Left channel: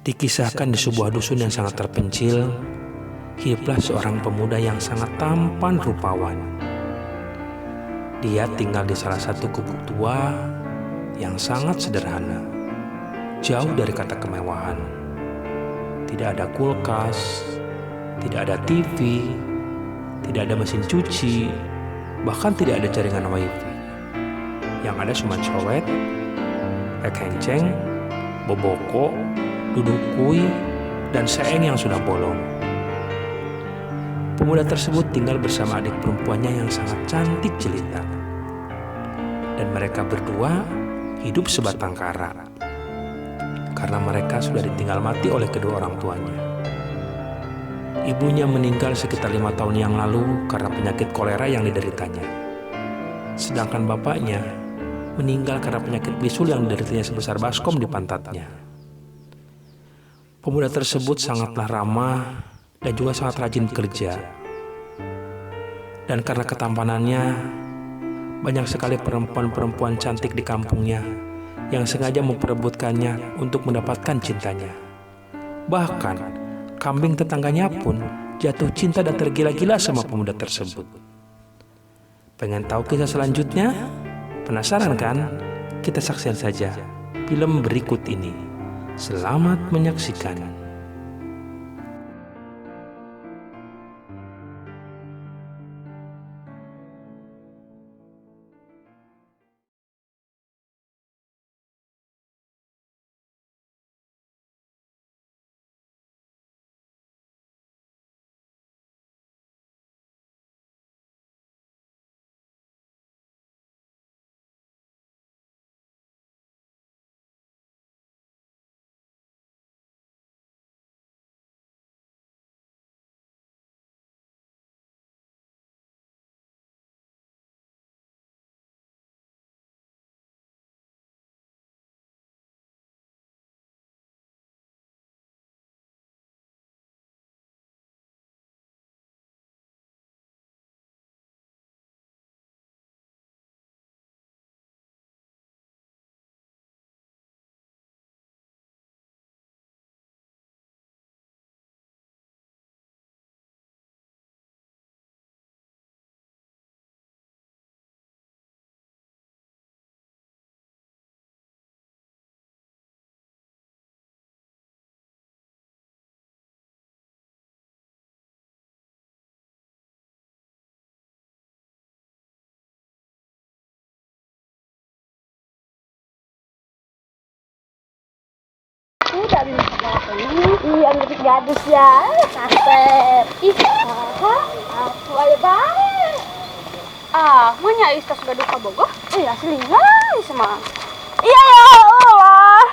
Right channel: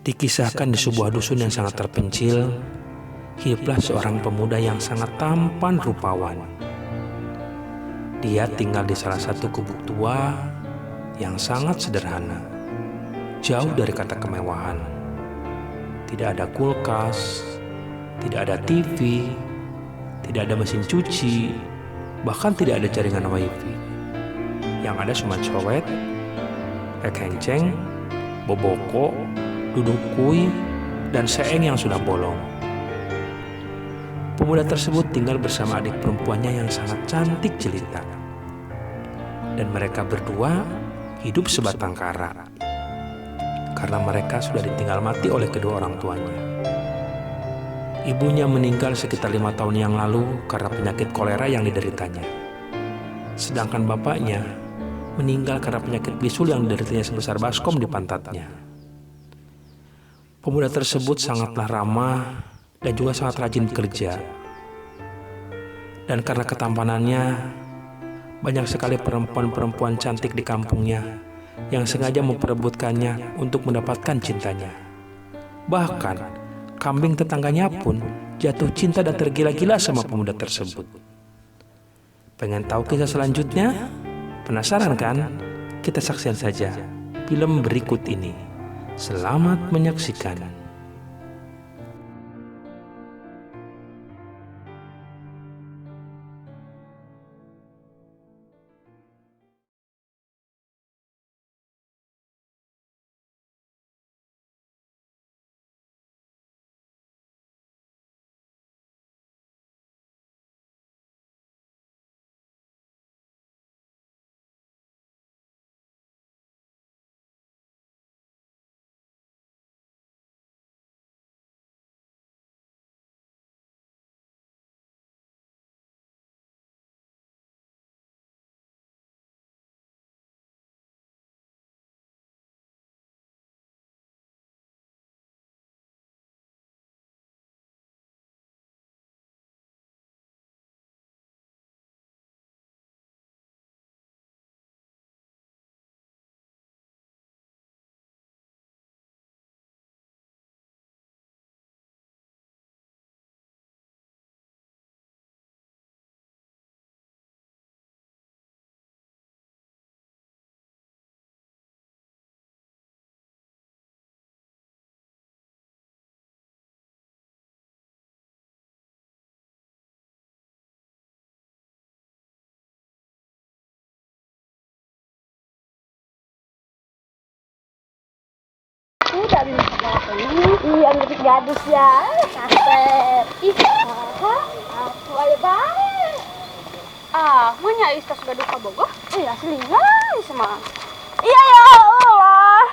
Dikisahkan di sebuah dusun yang sangat terpencil, hiduplah seorang pemuda yang sangat tampan rupawan. Dia tinggal di salah satu gubuk tua yang sangat sederhana, jauh dari kata kemewahan. Tidak ada kulkas, tidak ada TV, tidak ada mesin cuci, bahkan tidak ada jaringan wifi. Yang ada cuma cowet, kenceng, boboko, duduk kui, dan seeng yang sudah bolong. Pemuda tersebut tinggal bersama adik perempuannya yang sangat cantik jelita. Dan mereka berdua hidup sebatang kara, karena mereka sudah ditinggal mati oleh kedua orang tuanya. Ibunya meninggal sekitar 5 tahun yang lalu karena penyakit kolera yang dideritanya. Sedangkan bapaknya meninggal karena penyakit bisul yang dideritanya sebesar baskom di pantatnya. Pemuda tersebut sangatlah ramah dan juga sangat rajin bekerja. Dan karena ketampanannya, banyak sekali perempuan-perempuan cantik di kampungnya yang sengaja memperebutkannya untuk mendapatkan cintanya. Bahkan, kambing tetangganya pun jatuh cinta dan tergila-gila sama pemuda tersebut. Pengen tahu kisah selanjutnya? Penasaran kan? Kita saksikan saja film berikut ini. Selamat menyaksikan. Dari ini yang lebih gadis ya, kasep. Aku aja baik. Manya Ista sudah duka bogoh? Iya, selingan semua. Iya ya Allah.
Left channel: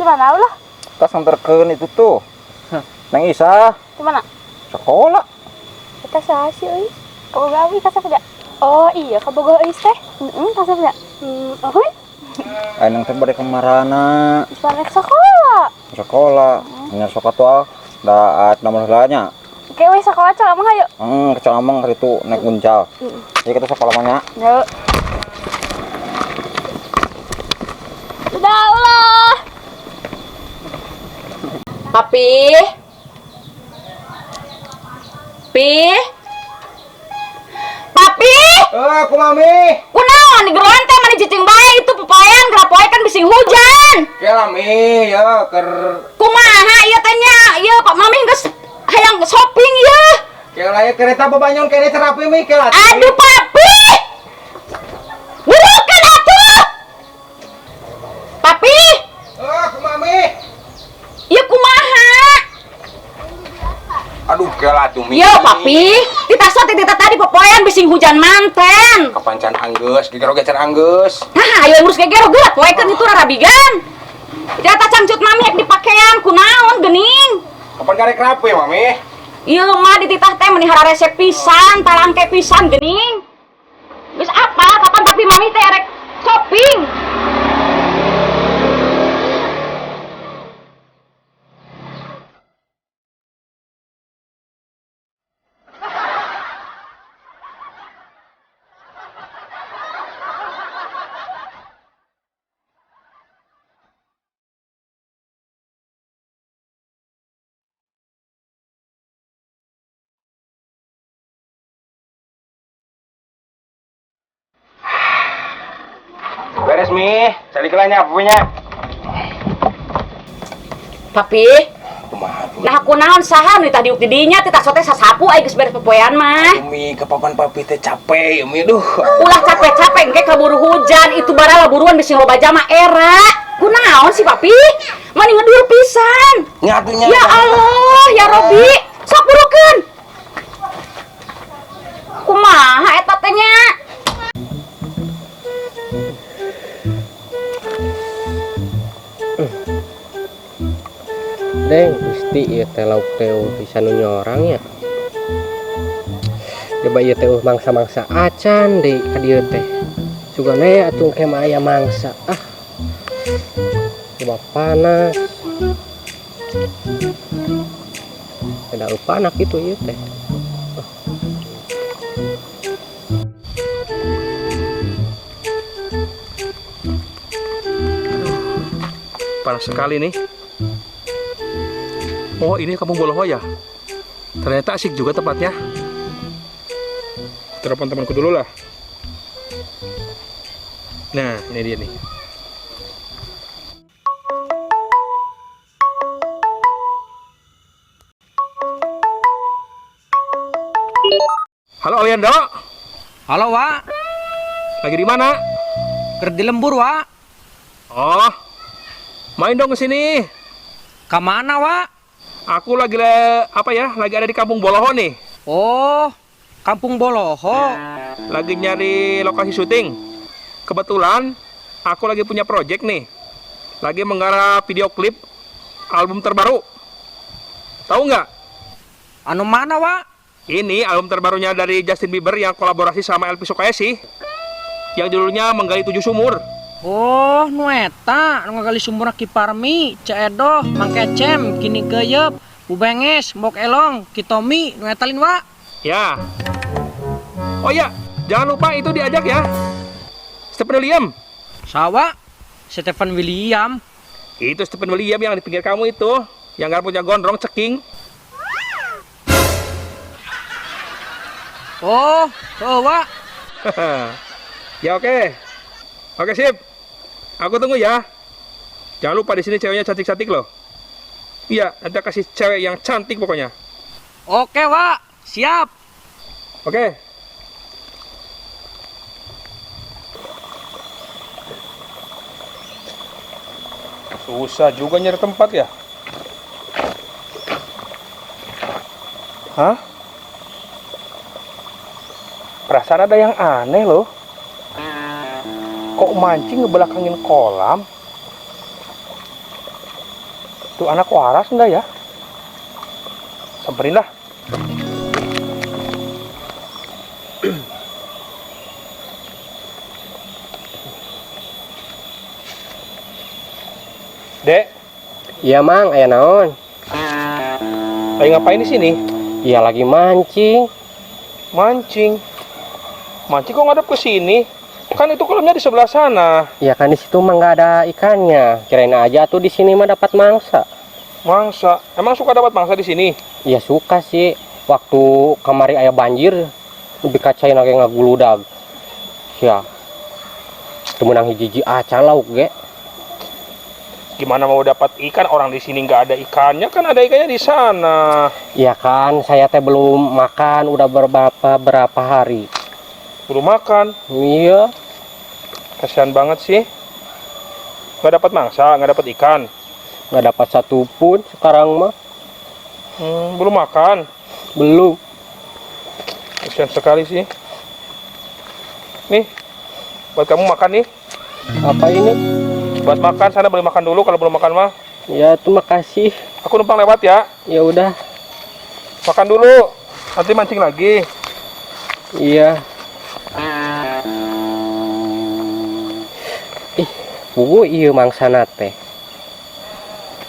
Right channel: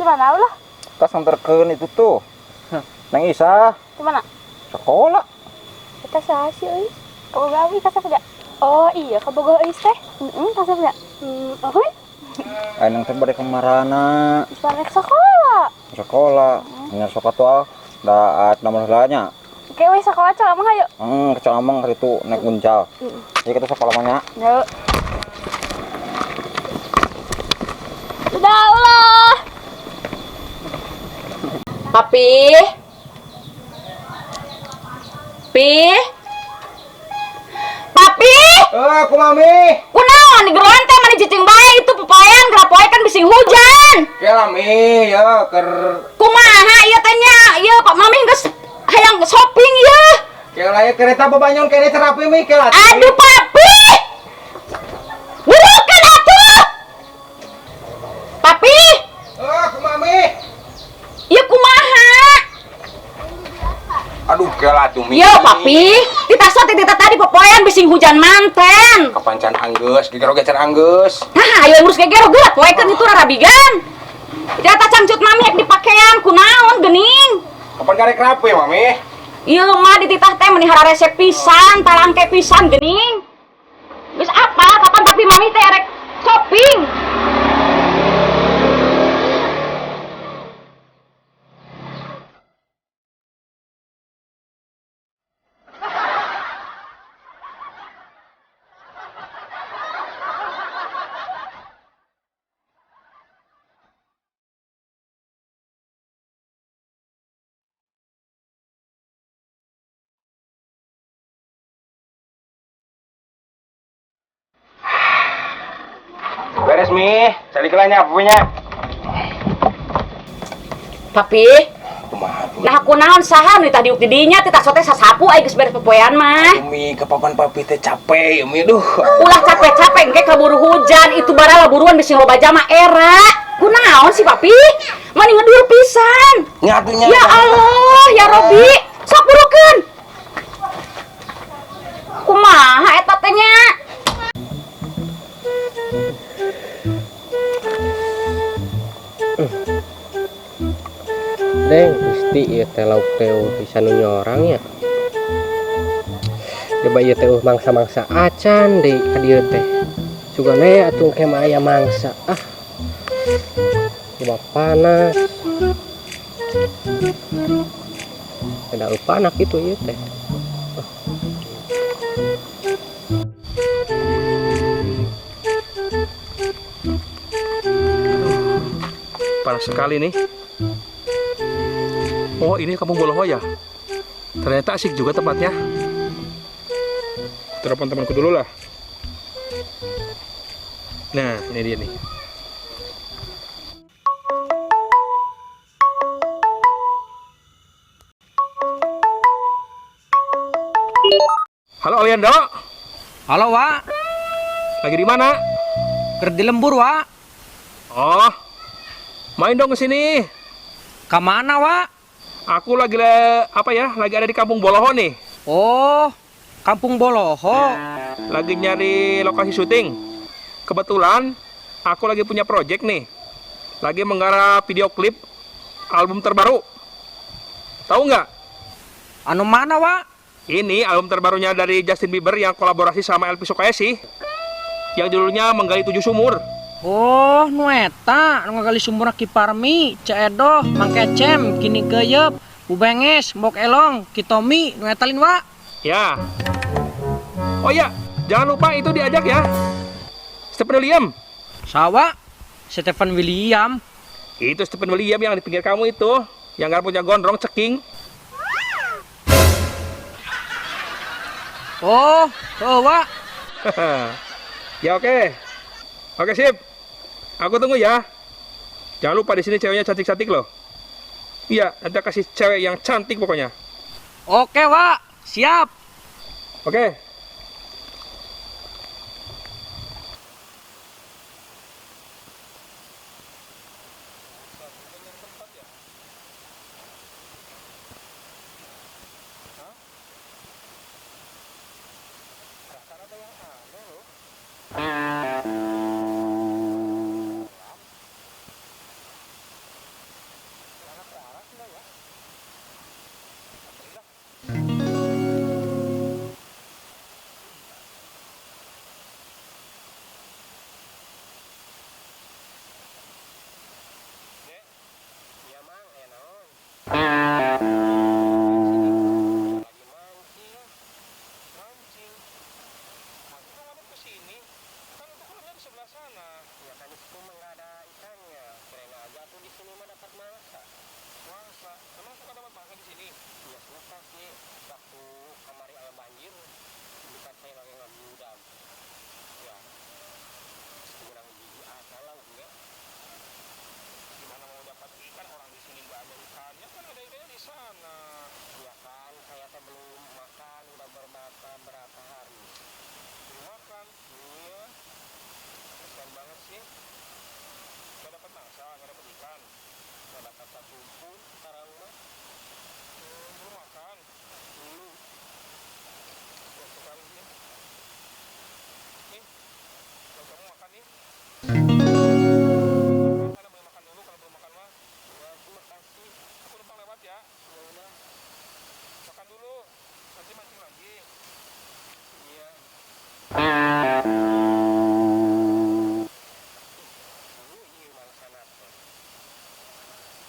Semana Allah. Kas nganterkeun itu tuh. Neng Isa. Di mana? Sekolah. Kita sasi euy. Kaboga euy kasep enggak? Oh iya, kaboga euy teh. Kasep enggak? Euy. Neng teh bade kemarana. Isparek sekolah. Sekolah. Nya sok atuh da nomor heulanya. Oke, we sekolah cak emang ayo. Kecil amang hari itu naik uncal. Jadi kita sekolah mana? Yuk. Udah Allah. Papi? Papi? Aku mami. Kunaon di geroan teh mani cicing bae itu pepayan gerapoe kan bising hujan. Ya mami, ya ker. Kumaha ieu teh nya? Ieu Pak Mami geus hayang shopping ieu. Kela ya kereta bebanyon kene terapi mi kela. Aduh Papi. Burukan atuh. Papi? Aku mami. Ieu kumaha? Aduh kela tuh mi. Yo Papi, ditasot tadi pepoyan bising hujan manten. Kapancan anggeus, gegero gecer anggeus. Nah, ayo ngurus gegero geura poekeun itu rarabigan. Jata cangcut mami yak dipakaian kunaon geuning. Kapan garek rapi mami? Ieu mah dititah teh menihara resep pisan, talangke pisan geuning. Geus apa? Kapan tapi mami teh rek shopping? Beres Mi, cari kelanya punya. Papi, nah aku naon saha nu tah diuk di dinya teh sote sasapu aya geus beres popoean mah. Mi ke papan papi teh capek Mi, duh. Ulah capek-capek engke kaburu hujan itu bara buruan bisi loba jama era. Kunaon sih papi? Mani ngedur pisan. Nyatunya. Ya Allah, ya Robi, sok burukeun. Kumaha eta teh nya? Deng, gusti ieu teh lauk teh bisa nu nyorang ya. Coba ieu teh mangsa-mangsa acan deui ka dieu teh. Sugana atuh ke mah aya mangsa. Coba panas. Ada panak itu ieu teh. Panas sekali nih. Oh, ini Kampung Boloho ya? Ternyata asik juga tempatnya. Telepon temanku dulu lah. Nah, ini dia nih. Halo Aliando. Halo, Wak. Lagi di mana? Ker di lembur, Wak. Oh, main dong ke sini. Kemana, Wak? Aku lagi lagi ada di Kampung Boloho nih. Oh, Kampung Boloho. Lagi nyari lokasi syuting. Kebetulan aku lagi punya project nih. Lagi menggarap video klip album terbaru. Tahu nggak? Anu mana, Wak? Ini album terbarunya dari Justin Bieber yang kolaborasi sama Elvi Sukaesih. Yang judulnya Menggali 7 Sumur. Oh, nu eta, nu ngagali sumur Ki Parmi, Ceedoh, Mang Kecem, Kini Geyep, Bubenges, Mbok Elong, Kitomi, nu eta lin, Wak. Ya. Oh ya, jangan lupa itu diajak ya. Stephen William. Sawa, Stephen William. Itu Stephen William yang di pinggir kamu itu, yang nggak punya gondrong ceking. Oh, Wak. Ya oke. Oke sip. Aku tunggu ya. Jangan lupa di sini ceweknya cantik-cantik loh. Iya, nanti kasih cewek yang cantik pokoknya. Oke, Wak. Siap. Oke. Susah juga nyari tempat ya. Hah? Perasaan ada yang aneh loh. Kok mancing ngebelakangin kolam? Tuh anak waras enggak ya? Samperin lah. Dek, Iya, Mang, aya naon? lagi ngapain di sini? Iya lagi mancing. Mancing. Mancing kok ngadep ke sini? Kan itu kolamnya di sebelah sana. Ya kan di situ mah nggak ada ikannya. Kirain aja tuh di sini mah dapat mangsa. Mangsa? Emang suka dapat mangsa di sini? Ya suka sih. Waktu kamari aya banjir, lebih kacain lagi ngaguludag. Ya. Temenang hiji-hiji acan lauk ge. Gimana mau dapat ikan orang di sini nggak ada ikannya? Kan ada ikannya di sana. Ya kan, saya teh belum makan udah berapa hari. Belum makan. Iya. Kasihan banget sih. Nggak dapat mangsa, nggak dapat ikan. Nggak dapat satu pun sekarang mah. Belum makan. Belum. Kasihan sekali sih. Nih, buat kamu makan nih. Apa ini? Buat makan, sana boleh makan dulu kalau belum makan mah. Ya, terima kasih. Aku numpang lewat ya. Ya udah. Makan dulu. Nanti mancing lagi. Iya. Pugu iya mangsana teh.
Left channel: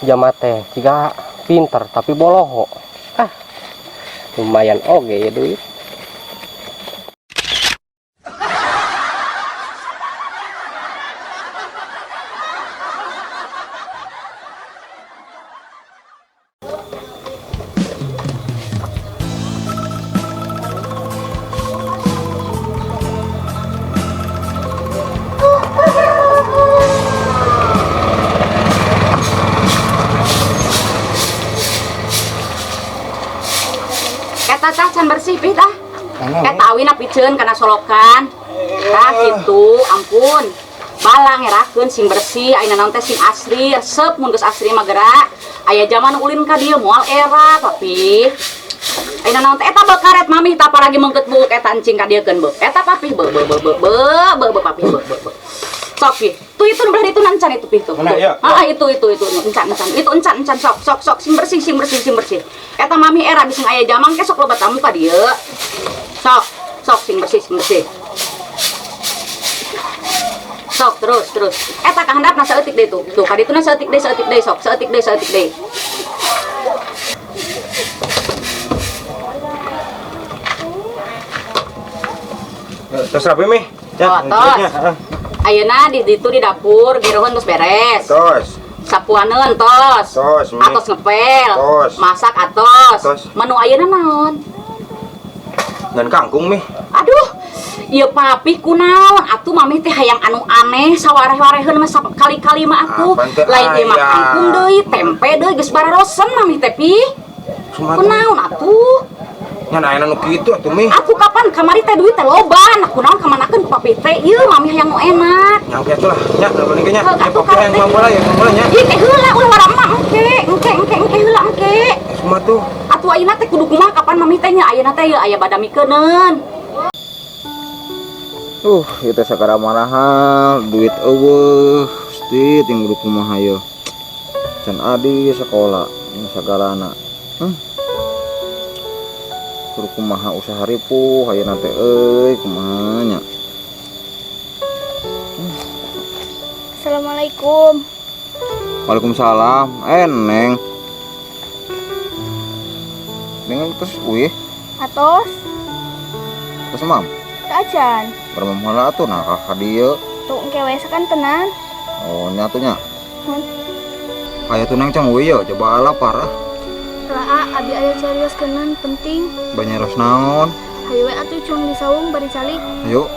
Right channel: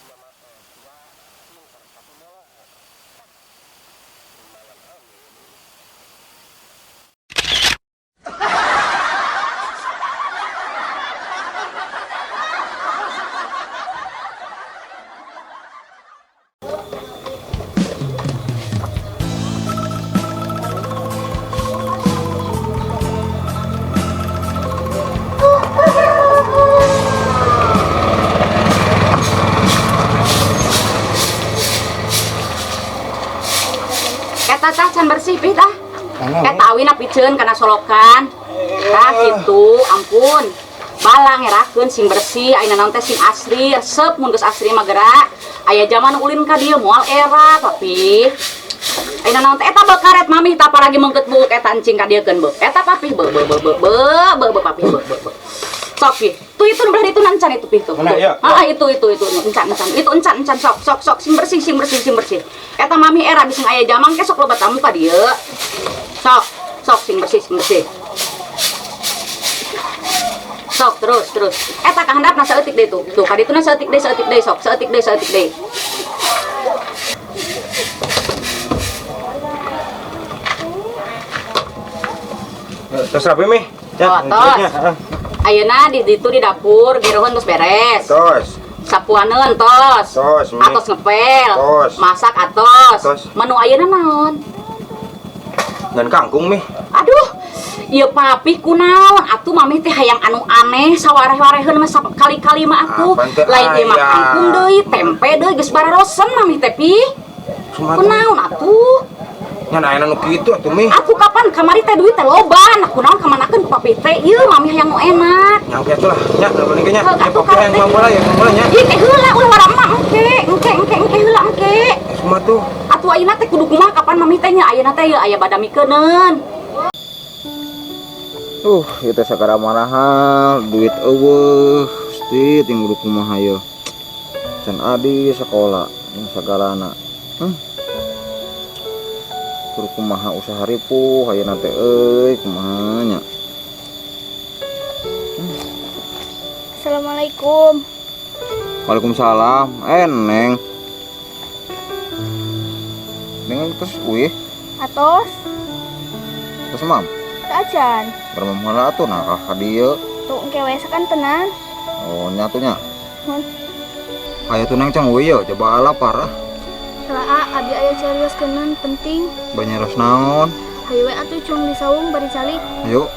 Jama teh jika pinter tapi boloho. Lumayan oge ya duit. eta tah can bersih pi tah. Mana, Eta awina piceun kana solokan. Tah kitu, ampun. Balang ngerakeun sing bersih, ayeuna naon teh sing asri, resep mun geus asri mah geura. Aya zaman ulin ka dieu moal era, papi. Ayeuna naon teh eta beu karet mami tah apalagi mengkeut buuk eta encing ka dieukeun beu. Eta papi beu papi beu. Sok pi. Tuh itu belah itu nancan itu pi tuh. Mana, iya? Itu encan. Itu encan sok sing bersih. Eta mami era bisa aya jamang ke sok loba tamu ka dieu. Sok sing bersih. Sok terus. Eta kahandapna saeutik deui tuh. Tuh kadituna saeutik deui sok. Saeutik deui. Terus rapi mi. Oh, tos. Ayeuna di dapur giroheun geus beres. Tos. Sapuaneun tos. Tos, Mi. Atos ngepel. Tos. Masak atos. Tos. Menu ayeuna naon? Dan kangkung mi. Aduh, ieu papi kunaon? Atuh mami teh hayang anu aneh sawareh-wareheun mah kali-kali mah atuh. Apaan teh Lain ieu mah aya? kangkung deui, tempe deui geus bararosen mami teh pi. Kunaon atuh? Nyan aya nu kitu atuh mi. Aku kapan kamari teh duit teh loba, nah kunaon kamanakeun ku papi teh? Ieu mami hayang nu enak. Yang kitu lah. Nya nulis nya. Heuh, Nya atuh pokoknya yang teh. mambola ya nya. Ih teh heula ulah wara emak engke heula engke. Semua tuh. Atuh ayeuna teh kudu kumaha kapan mami teh nya ayeuna teh aya badamikeun. Kita sakara mahal duit eueuh, pasti tinggal kumaha ieu. Can adi sekolah sagalana. Kudu kumaha usaha ripuh ayeuna teh euy kumaha nya. Assalamualaikum. Waalaikumsalam. Neng. Neng terus Atos, terus mam. ajan. Bermamhala atuh nah ka dieu. Tuh engke we sakan tenan. Oh nya atuh nya. Mun Aya tuh neng cang we ye coba ala parah. Laa abi aya carios keunan penting. Banyaros naon. Hayu we atuh cung disaung bari calik. Ayo.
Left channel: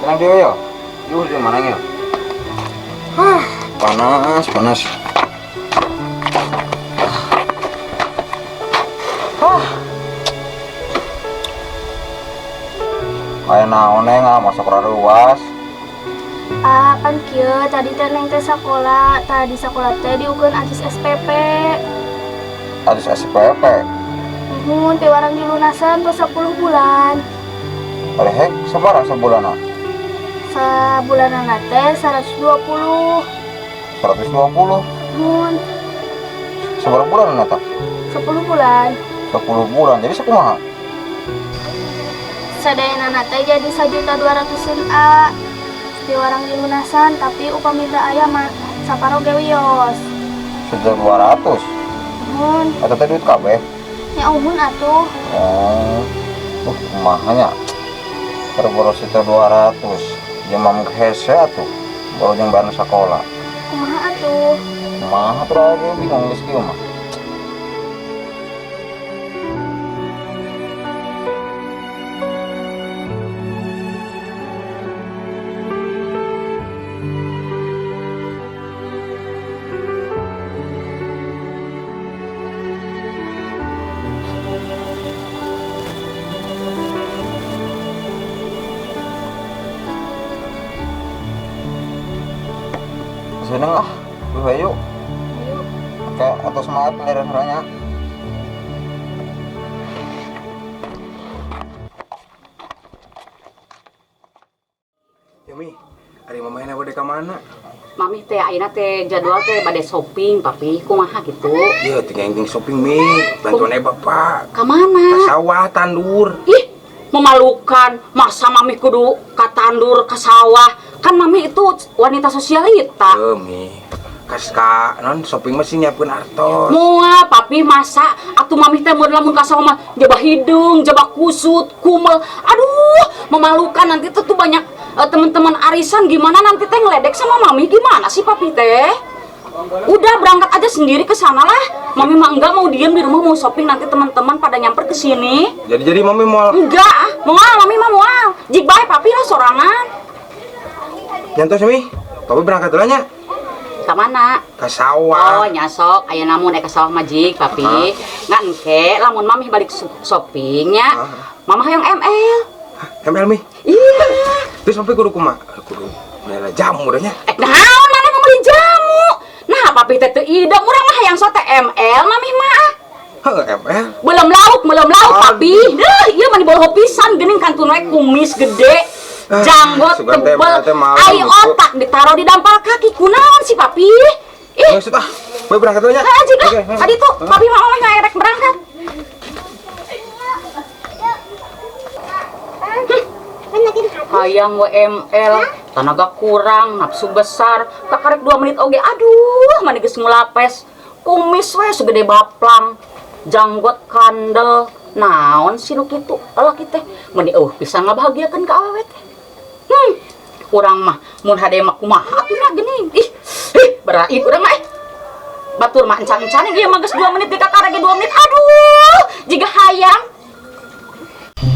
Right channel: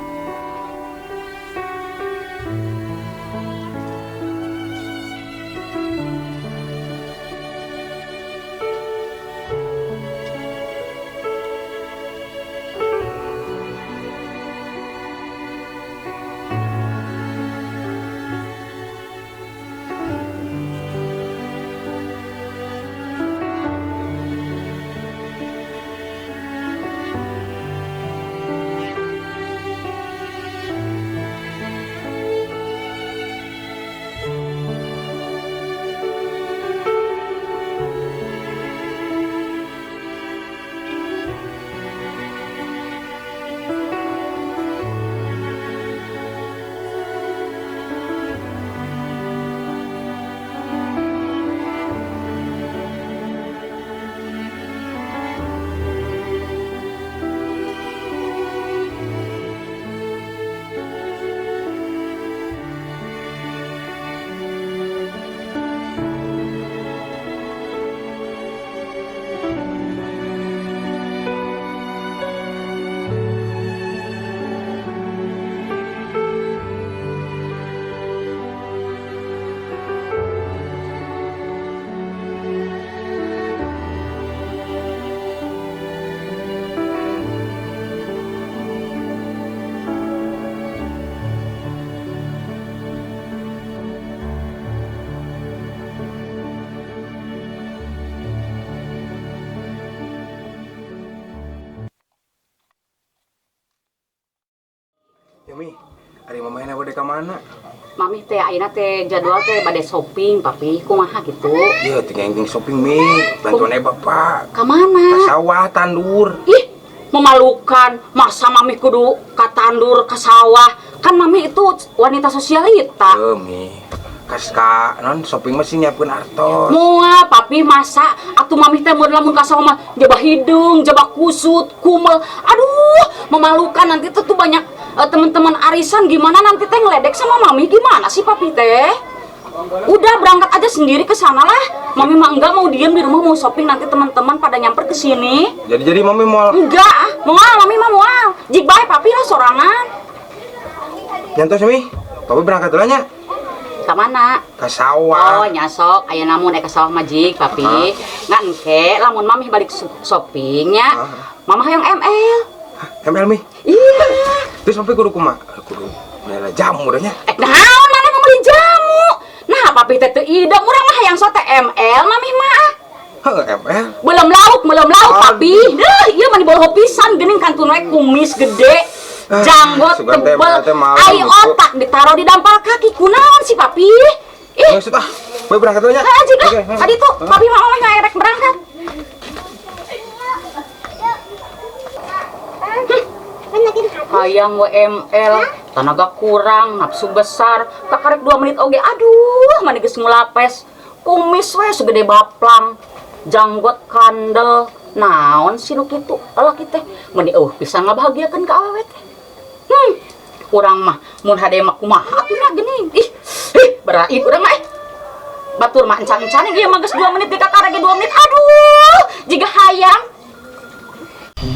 Tenang dia ya. Yuh di mana ya? Panas. Kayak naon neng masak raruas. Kan kieu tadi teh neng teh sakola, tadi sakola teh diukeun asis SPP. Adis SPP. Mun teh warang dilunasan tos 10 bulan. Hek sabaraha sabulana? Sabulanana teh 120. 120. Mun Sabar bulan eta? 10 bulan. 10 bulan. Jadi sakumaha? Sadayanana teh jadi 1.200.000 di warang dilunasan tapi upami teu aya mah saparo ge wios. 1.200. Mun Eta teh duit kabeh. nya uhun atuh. Kumaha nya? Berboro 1.200. Jeung hese atuh. Baru jeung bayar sakola. Kumaha atuh? Kumaha tuh aja bingung geus kieu mah. Seneng lah, yuk. Oke, atau semangat pendaran-pendarannya. Yumi, hari mamahnya bade ka mana? Mami teh ayeuna teh jadwal teh bade shopping papi kumaha gitu. Iya, tinggal shopping mi, bantuan bapak. Ka mana? Ka sawah tandur. Ih, memalukan. Masa mami kudu ka tandur ka sawah? Kan mami itu wanita sosialita. Mi, ka non shopping masih nyiapkeun artos. Moal papi masa atuh mami teh mun lamun ka sawah mah jabah hidung, jabah kusut, kumel. Aduh, memalukan nanti tuh banyak teman-teman arisan gimana nanti teh ngeledek sama mami gimana sih papi teh? Udah berangkat aja sendiri ke sana lah. Mami mah enggak mau diem di rumah mau shopping nanti teman-teman pada nyamper ke sini. Jadi mami mau Enggak, moal mami mah moal. Jik bae papi lah sorangan. nyantos mi. Papi berangkat dulu nya. ka mana? Ke sawah. Oh, nyasok aya namun ka sawah majik, Papi. Ngan engke lamun Mamih balik shoppingnya. Mamah yang ML. ML mi. Iya. Terus sampai kudu kumaha? Kudu bela jamu dah nya. Naon mana ngomongin jamu? Nah, Papi teh teu ida, urang mah hayang sote ML, Mamih mah. ML. Belum lauk, Papi. Dah, ieu mah diboloh pisan geuning kantun we kumis gede. Janggot tebel, ayo otak ditaruh di dampal kaki. Kunaon sih Papi? Ih, Maksud gue berangkat dulu nya. aja dah. Tadi tuh Papi mah ngerek berangkat. Hayang WML, tenaga kurang, nafsu besar, kakarek 2 menit oge. Aduh, mana geus ngulapes. Kumis we segede baplang, janggot kandel. Naon sih nu kitu? Lalaki teh meni bisa ngabahagiakeun ka awewe teh. Urang mah mun hade mah kumaha atuh geuning. Ih, berait urang mah batur mah encan-encan ieu mah geus 2 menit dikakarege 2 menit. Aduh, jiga hayang.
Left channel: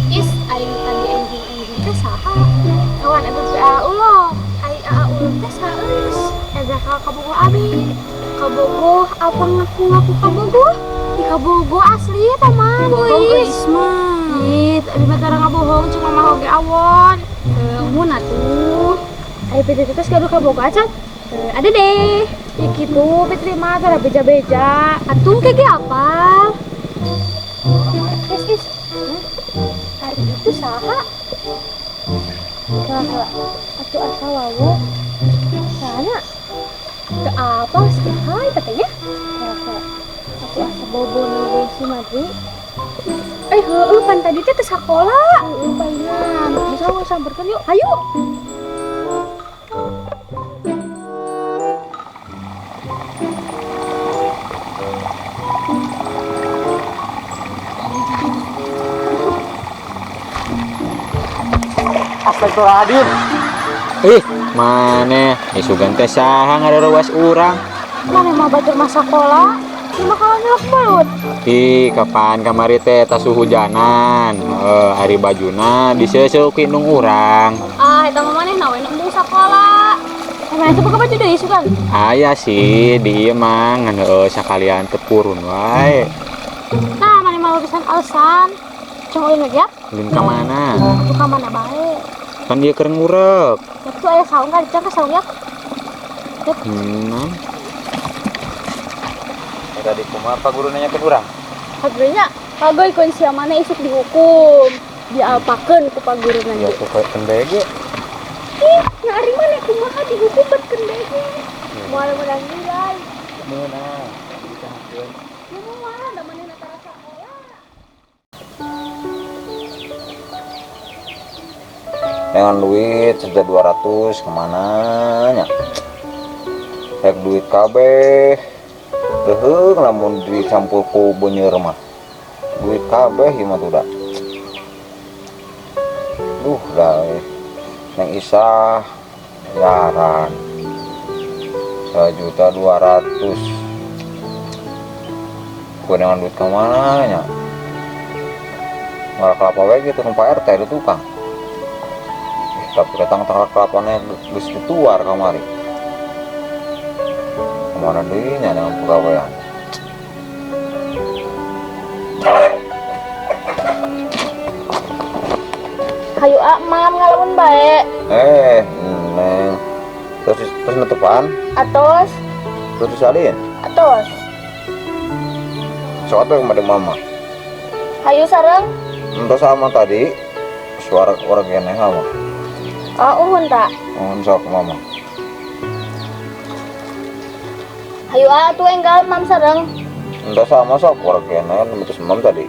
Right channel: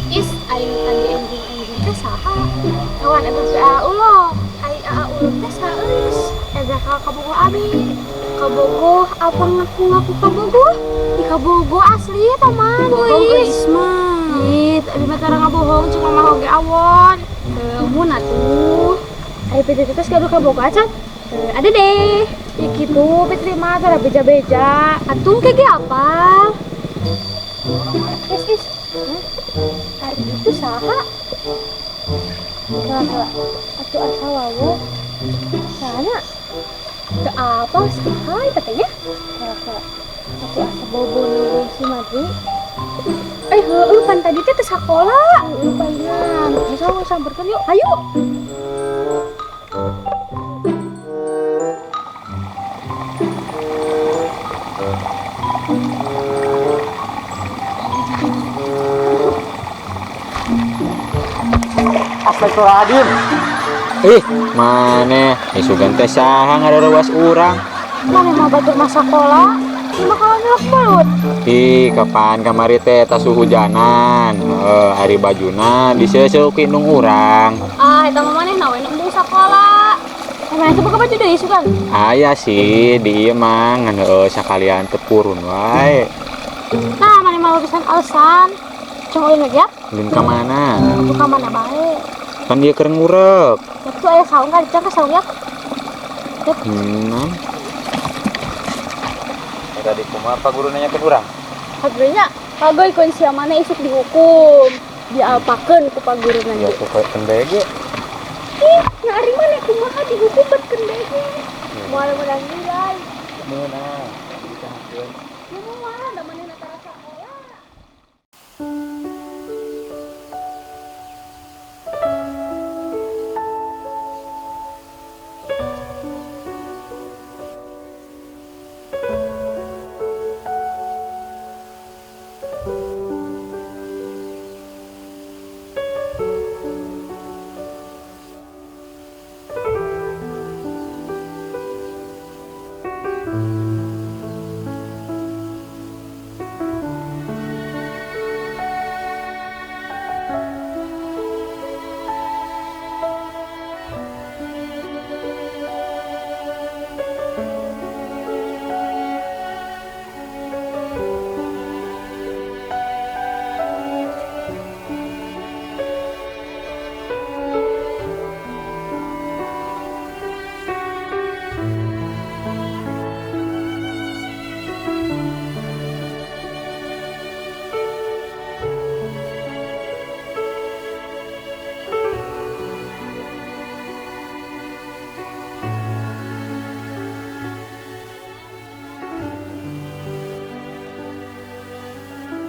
Is, aing tadi enjing teh saha? Kawan eta teh ulo. Ai ulo teh saeus. Eta kabogoh abi. Kabogoh apa ngaku kabogoh? Di kabogoh asli eta mah. Geus mah. Ih, abi mah tara ngabohong cuma mah oge awon. Mun atuh. Ai PT teh kadu kabogoh acan. Ada deh. Ya gitu, Petri mah tara beja-beja. Atung kege apa? Is. Hari itu saha? Saha? Atuh asa wawo. Sana. Ke apa sih? Hai katanya. Saha? Atuh asa bobo nunggu si Madri. Heueuh pan tadi teh teh sakola. Heueuh palingan. Bisa samperkeun yuk. Ayo. Astagfirullahaladzim. Mana? Isugan teh saha ngarawas urang. Mana mah batur masa sekolah? Cuma kalau nyelok mulut. Kapan kamari teh tas hujanan. Hari bajuna diseuseuk nung urang. Eta mah maneh nawe nembung sekolah. Mana teh buka baju deui sugan. Aya sih di ieu mah ngan sakalian teu purun wae. Nah, mana mah pisan alasan. Cuma ulin lagi ya? Ulin ka mana? Buka mana bae. Kan dia keur ngurek. Itu aya saung ka dicak saung ya. Tadi kumaha apa guru nanya ke urang? Hadirnya kageuy kun sia mana isuk dihukum. Diapakeun ku paguruna. Ya pokoknya kendege. Ih, nyari mana kumaha dihukum bet kendege. Moal menang nilai. Meunang. Ya moal da manehna tara sakola. Dengan duit sudah 200 kemana nya? Hek duit kabeh. Teuheung lamun duit campur ku beuneur mah. Duit kabeh ieu mah tuh da. Dah Neng Isah jaran 1.200.000. Gue dengan duit kemana nya? Nggak kelapa wae gitu numpak RT itu tukang. Tapi datang tengah kelapanya geus dituar kamari. Kemana dirinya dengan pegawaian? Hayu mam ngalamun bae. Neng. Terus nutupan? Atos, Terus disalin? atos. Soalnya yang mama. Hayu sareng. Entah sama tadi. Suara orang kene sama. Uhun tak. Mohon sok mama. Hayu atuh enggal mam sareng. Entah sama sok orang kene memutus mam tadi.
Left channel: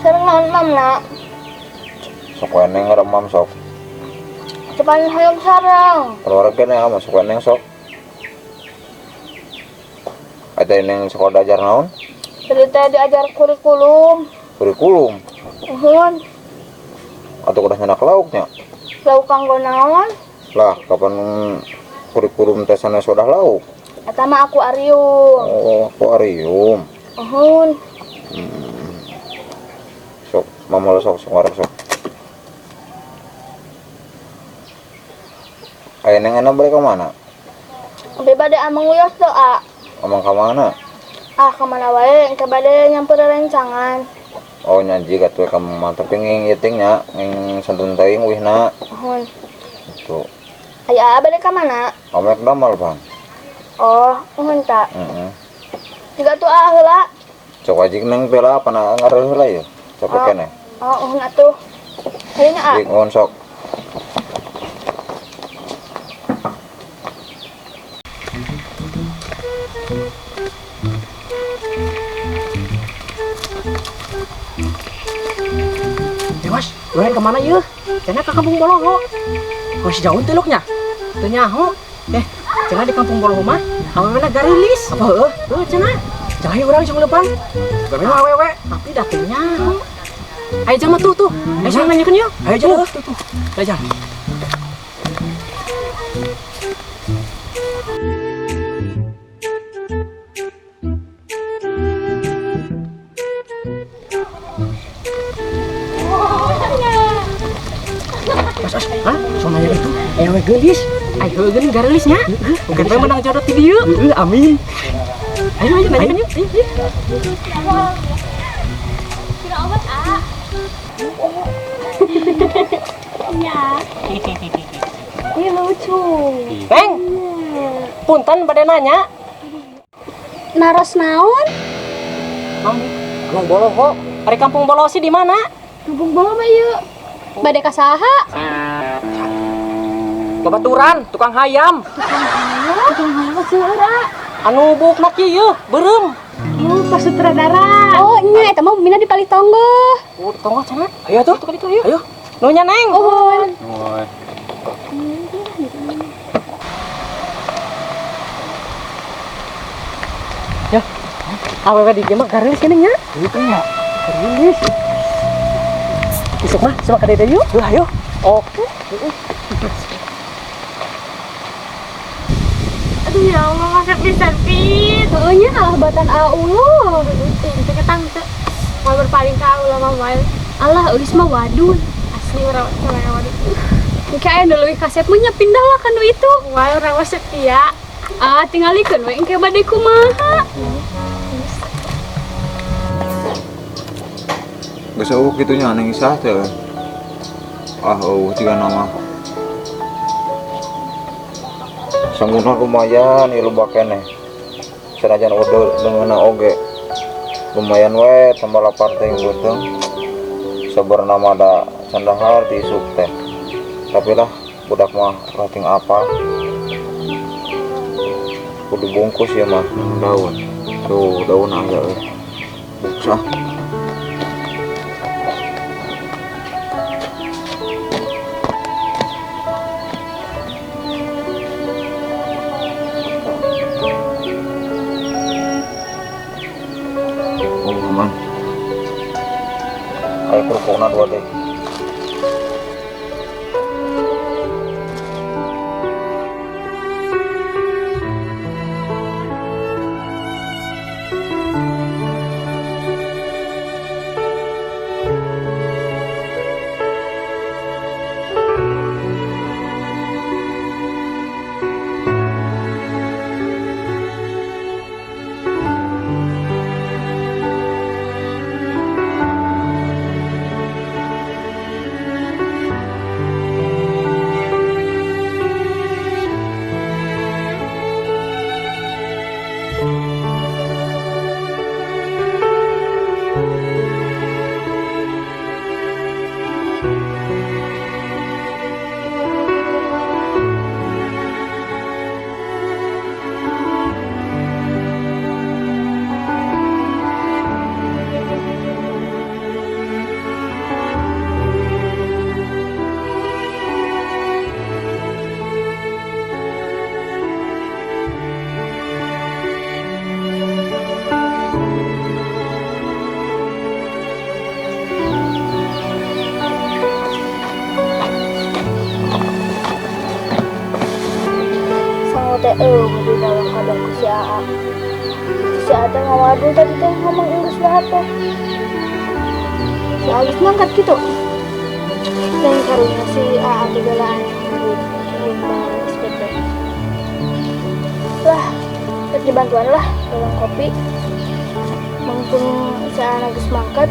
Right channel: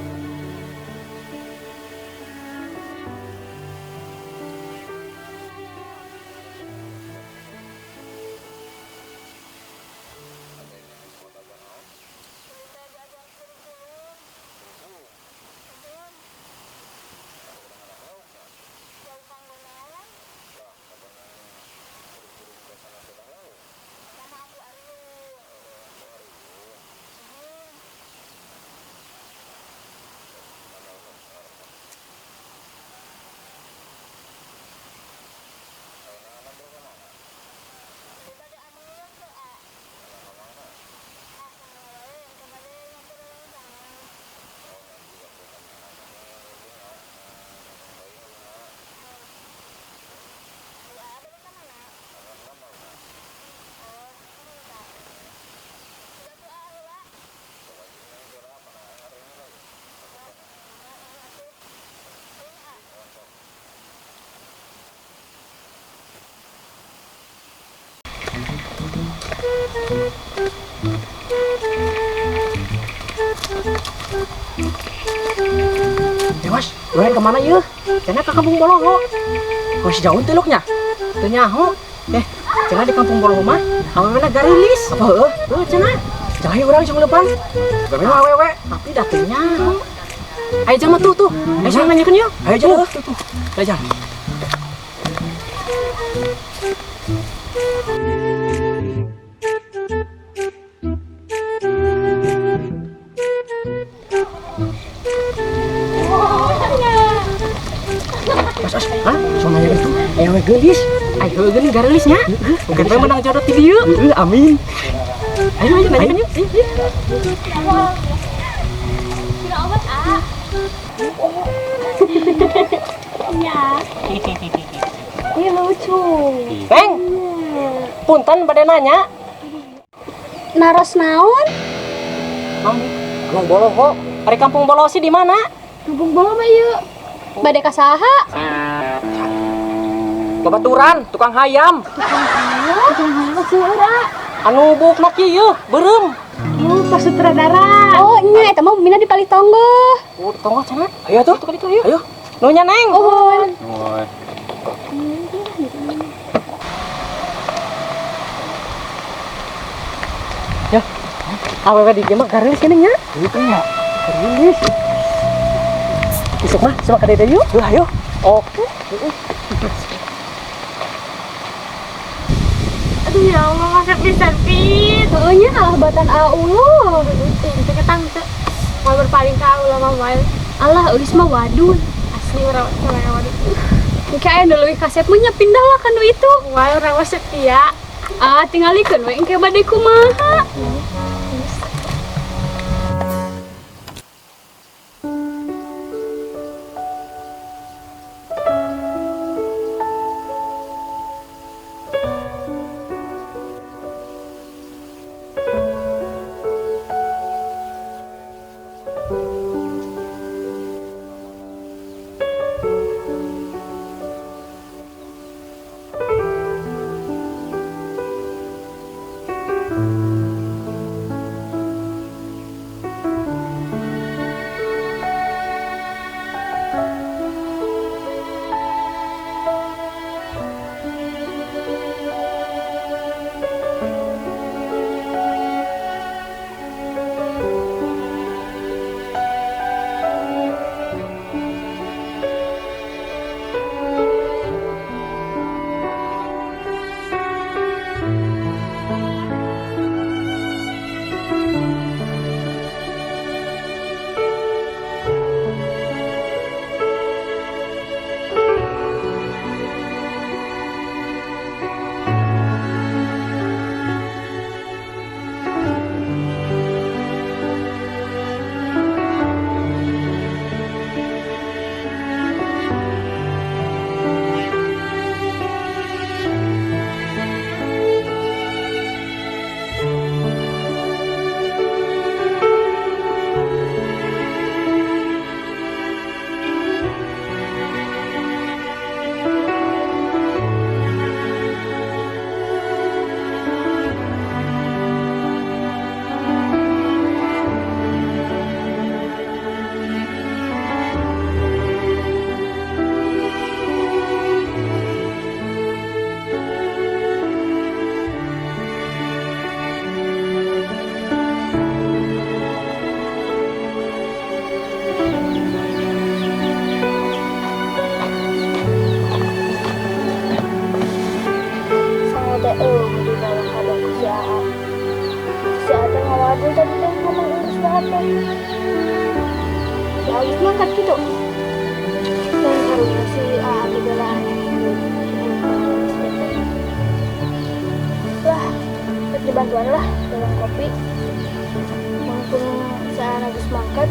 Sareng naon mam na. Sok kene nggak mam sok. Cepat hayong sareng. Kalau orang kene sama sok kene sok. Ada yang sekolah ajar naon? Cerita diajar kurikulum. Kurikulum. Uhun. Atau udah nyenak lauknya? Lauk kanggo naon? Lah, kapan kurikulum tesana sudah lauk? Eta mah akuarium. Oh, akuarium. Uhun. Sok, mama lo sok ngarep sok. Ayo neng enak balik ke mana? Abi bade amang uyos tuh, A. Omong ke mana? Ah, kemana wae, engke bade nyamper rencangan. Oh nyaji katuh kamu mah tapi nging itingnya nging santun teuing wihna. Nuhun. Tuh. Aya bade ka mana? Omek damel, Bang. Oh, nuhun ta. Heeh. Juga tuh A heula. Cok ajik nang bela pana ngaruh heula ya. Cok keneh. Oh, nuhun atuh. Heunya A. Dik ngon sok. Dewas, luayan kemana yeuh? Cenah ke Kampung Boloho. Masih jauh teh luknya. Teu nyaho. Cenah di Kampung Boloho mah awewena garilis. Apa heuh? Heuh cenah. Cenah urang iseng leupan. Gawe awewe, tapi da teu nyaho. Ayo jama tuh. Ayo sana nanyakeun yeuh. Ayo jama tuh. Ayo jama. Mas, hah? Somanya itu ewe gelis. Ayo geuning garelisnya. Bukan bae menang jodoh ti dieu. Amin. Ayo nanyakeun yuk. Tidak obat, A. Iya. Ini lucu. Peng. Punten bade nanya. Naros naon? Kampung Boloho. Ari Kampung Boloho sih di mana? Kampung Boloho mah ieu. Bade ka saha? Babaturan, tukang hayam. Tukang hayam seueur, A. Anu bukna kieu, beureum. Oh, pas sutradara. Oh, nya eta mah bumina di Palitonggo. Oh, tonggo cenah. Ayo tuh, tukang itu, ayo. Nu nya Neng. Oh. Ya. Awewe di dieu mah garelis cenah nya. Itu nya. Garelis. Isuk mah, sama ka dede yuk. Ayo. Oke. Aduh ya Allah, masak pisan pit. Heunya kalah batan Allah. Teu ketang teu. Mau berpaling ka Allah mah wae. Allah euis mah wadun. Asli urang wadun. Engke aya nu leuwih kasep mah nya pindahlah ka nu itu. Wae urang mah setia. Ah, tingalikeun we engke bade kumaha. Geus eueuh kitu nya neng Isah teh. Ah eueuh tiga nama. Sangguna lumayan ieu loba keneh. Sanajan udah ngeuna oge. Lumayan we tambah lapar teh beuteung. Sabeurna mah da sandahar ti isuk teh. Tapi lah budak mah rating apa. Kudu bungkus ya mah daun. Tuh daun aya euy. Sah. Kayak kerupukna dua deh. Di dalam kabarku si AA. Si AA teh ngawadun tadi teh ngomong Inggris banget teh. Si Agus ngangkat gitu. Dan karunya si AA bebelaan duit. Kayaknya SPP. dibantuan lah dalam kopi. Mumpung saya lagi semangkat,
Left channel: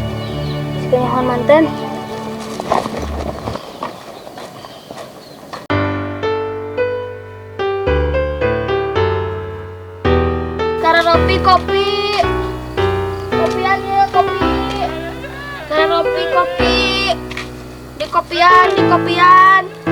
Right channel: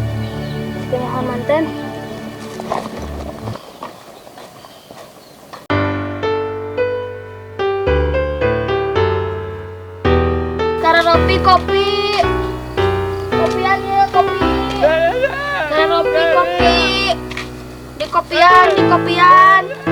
sekenyahan manten. Karena Ropi kopi. Kopian ya, kopi. Karena Ropi kopi. Di kopian.